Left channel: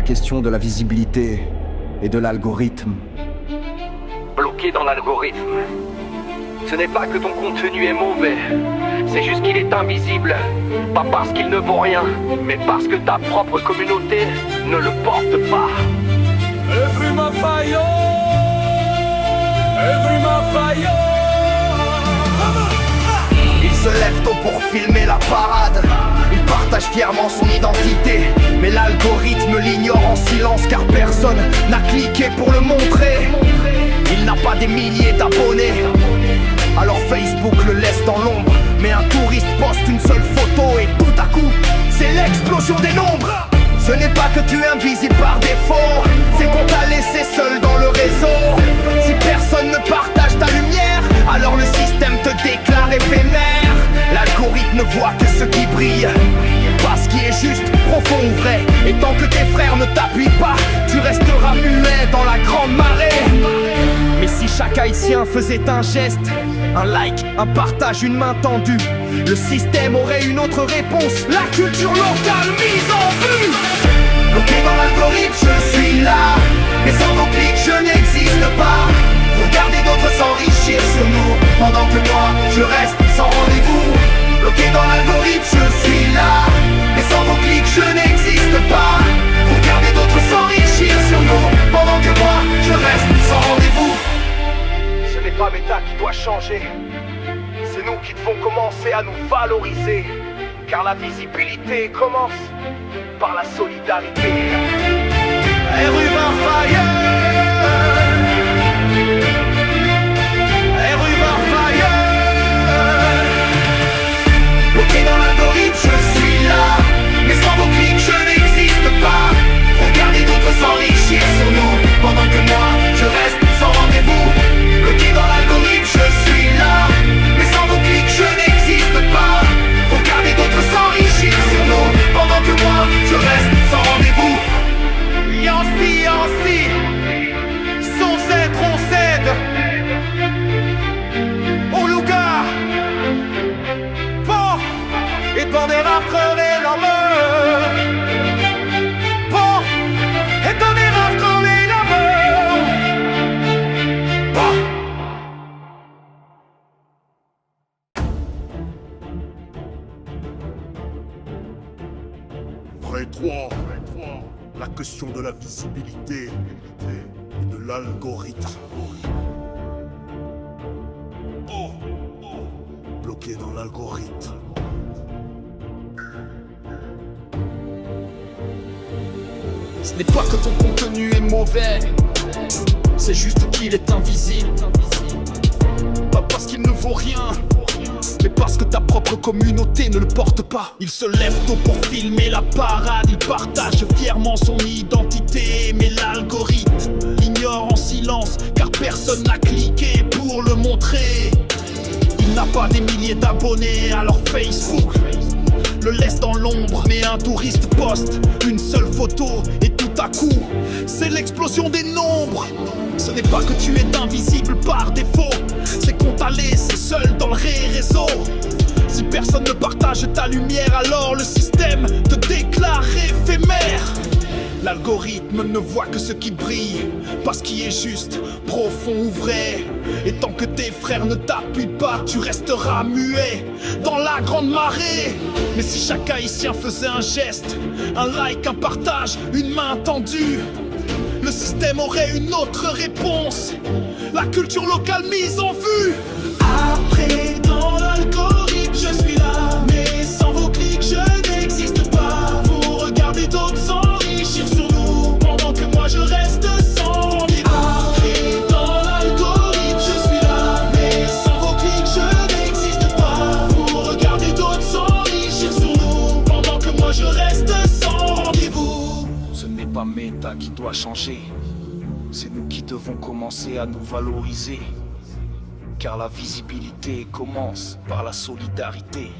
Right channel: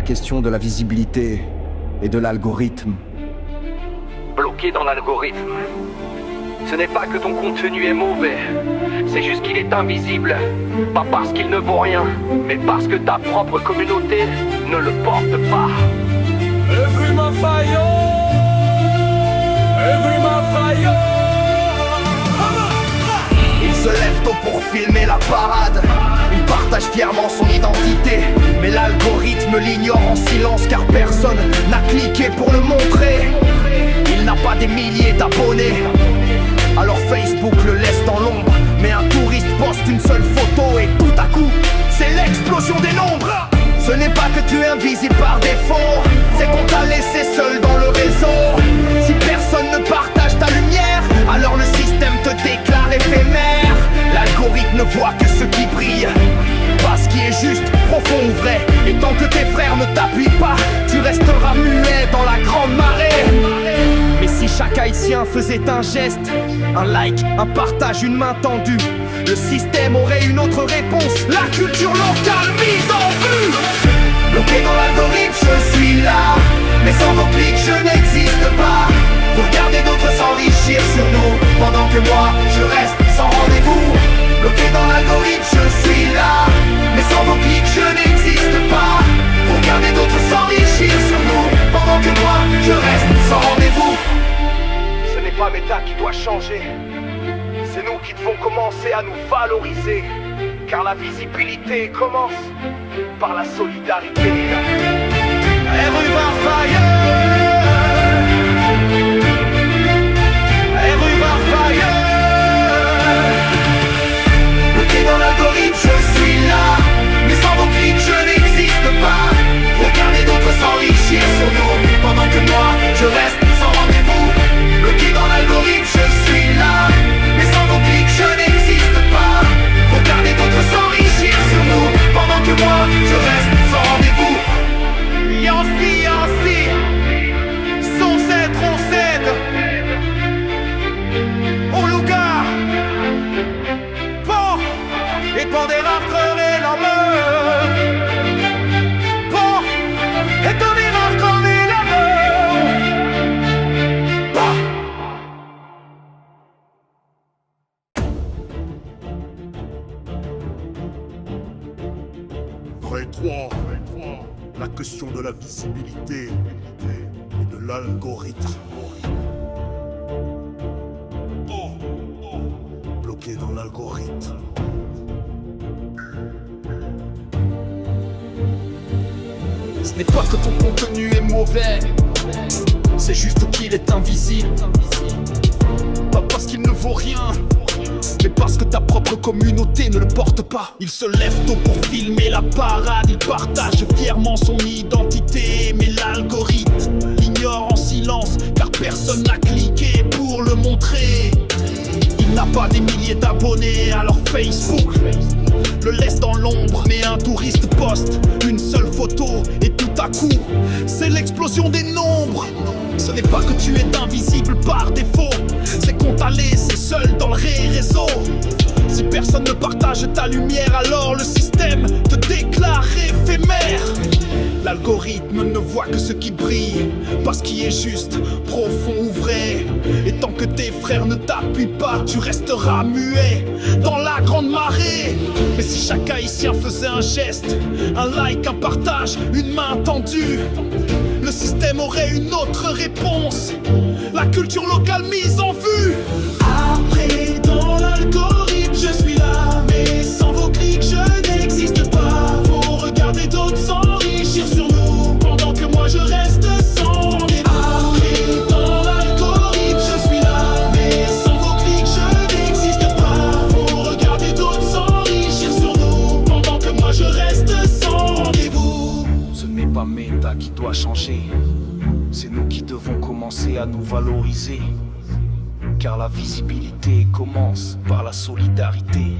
la question de la visibilité et de l'algorithme. Bloqué dans l'algorithme. Ce n'est pas que ton contenu est mauvais, c'est juste qu'il est invisible. Pas parce qu'il ne vaut rien, mais parce que ta propre communauté ne le porte pas. Every my fire, every my fire. Il se lève tôt pour filmer la parade. Il partage fièrement son identité, mais l'algorithme l'ignore en silence car personne n'a cliqué pour le montrer. Il n'a pas des milliers d'abonnés, alors Facebook le laisse dans l'ombre. Mais un touriste poste une seule photo et tout à coup, c'est l'explosion des nombres. Ce n'est pas que tu es invisible par défaut, c'est qu'on t'a laissé seul dans le réseau. Si personne ne partage ta lumière, alors le système te déclare éphémère. L'algorithme ne voit que ce qui brille, pas ce qui est juste, profond ou vrai. Et tant que tes frères ne t'appuient pas, tu resteras muet dans la grande marée. Mais si chaque haïtien faisait un geste, un like, un partage, une main tendue, le système aurait une autre réponse, la culture locale mise en vue. Bloqué dans l'algorithme, je suis là, mais sans vos clics, je n'existe pas. Vous regardez d'autres s'enrichir sur nous, pendant que moi, je reste sans rendez-vous. Bloqué dans l'algorithme, je suis là, mais sans vos clics, je n'existe pas. Vous regardez d'autres s'enrichir sur nous, pendant que moi, je reste sans rendez-vous. Ce n'est pas Meta qui doit changer, c'est nous qui devons commencer à nous valoriser, car la visibilité commence par la solidarité. Every fire, every fire. Bloqué dans l'algorithme, je suis là, mais sans vos clics, je n'existe pas. Vous regardez d'autres s'enrichir sur nous, pendant que moi, je reste sans rendez-vous. Bloqué dans l'algorithme, je suis là, mais sans vos clics, je n'existe pas. Vous regardez d'autres s'enrichir sur nous, pendant que moi, je reste sans rendez-vous. Yancy, sans cèdre, on cède. Au Louga, bon, et pour des raftres la meurt. Bon, et pour des raftres la meurt. Bon. Près 3, la question de la visibilité et de l'algorithme. Bloqué dans l'algorithme. Ce n'est pas que ton contenu est mauvais, c'est juste qu'il est invisible. Pas parce qu'il ne vaut rien, mais parce que ta propre communauté ne le porte pas. Il se lève tôt pour filmer la parade. Il partage fièrement son identité, mais l'algorithme l'ignore en silence, car personne n'a cliqué pour le montrer. Il n'a pas des milliers d'abonnés, alors Facebook le laisse dans l'ombre. Mais un touriste poste une seule photo et tout à coup, c'est l'explosion des nombres. Ce n'est pas que tu es invisible par défaut, c'est qu'on t'a laissé seul dans le réseau. Si personne ne partage ta lumière, alors le système te déclare éphémère. L'algorithme ne voit que ce qui brille, pas ce qui est juste, profond ou vrai. Et tant que tes frères ne t'appuient pas, tu resteras muet dans la grande marée. Mais si chaque haïtien faisait un geste, un like, un partage, une main tendue, le système aurait une autre réponse, la culture locale mise en vue. Après dans l'algorithme, je suis là, mais sans vos clics, je n'existe pas. Vous regardez d'autres s'enrichir sur nous, pendant que moi je reste sans rendez-vous. Après dans l'algorithme, je suis là, mais sans vos clics, je n'existe pas. Vous regardez d'autres s'enrichir sur nous, pendant que moi je reste sans rendez-vous. Ce n'est pas Meta qui doit changer, c'est nous qui devons commencer à nous valoriser, car la visibilité commence par la solidarité.